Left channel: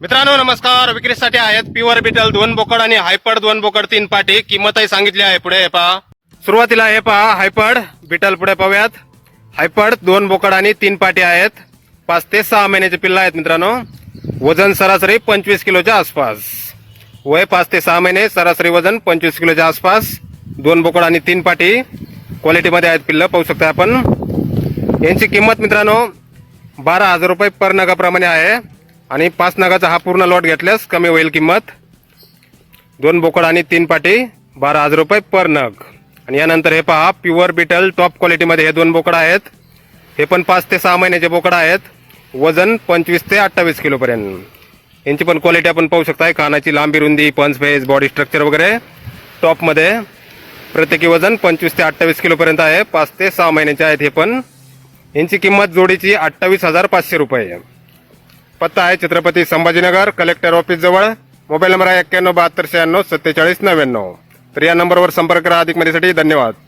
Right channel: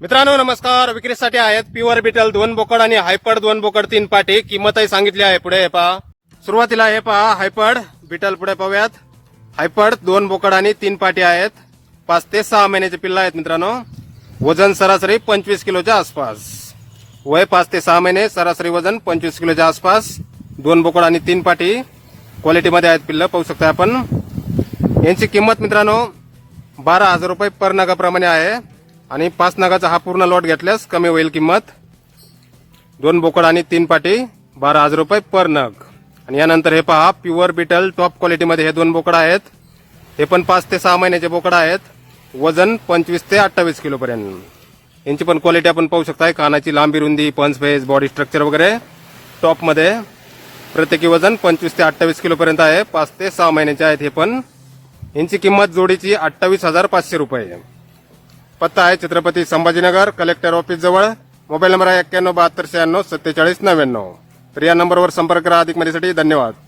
मित्रांनो नमस्कार. विक्रीसाठी आहेत प्युअर बिटल दोन बोकड आणि हायपड दोन बोकड तीन पाटी. किंमतही सांगितली आहे. पुढे हे पहा. सुरुवातीला हे पहा. हायपड बिटल पुढे पाहूयात. हायपड दोन बोकड आणि तीन पाटी आहेत. पाच ते सहा महिन्याचे पिल्ल आहेत मित्रांनो. वजन सरासरी पंचवीस किलोच्या आसपास. वय पाच ते सहा महिने सरासरी वजन पंचवीस किलोच्या आसपास. दोन बोकड आणि तीन पाटी. क्वालिटीमध्ये आहेत पिल्लं पाहू शकता आपण. यांची किंमत मित्रांनो बारा हजार रुपये पर नगाप्रमाणे आहे. आणि पाच नगाचा हा पूर्ण लॉट घेतल्यास कमी होईल किंमत दोन बोकड आणि तीन पाटी बारा हजार रुपये पर नग. आणि यानंतर हे पहा प्युअर बिटल टॉप क्वालिटीमध्ये हे दोन बोकड आहेत. हे पण पाच ते सहा महिन्याचे बोकड आहेत. वजन पंचवीस ते अठ्ठावीस किलोपर्यंत यांची पण क्वालिटी आपण पाहू शकता कानाची लांबी रुंदी पंच फेस बॉडी स्ट्रक्चर वगैरे टॉपमध्ये प्रत्येकी वजन पंचवीस ते अठ्ठावीस किलोपर्यंत आहे. पाच ते सहा महिन्याचे आहेत हे पण. यांची किंमत जोडीची अठ्ठावीस हजार पाचशे रुपये. पत्ता आहे छत्रपती संभाजीनगर कलेक्टर ऑफिस जवळ. मोबाईल नंबर आहे एक्क्याण्णव बहात्तर शहाण्णव सत्तेचाळीस नव्याण्णव. तर या नंबरवर संपर्क करा अधिक माहितीसाठी धन्यवाद.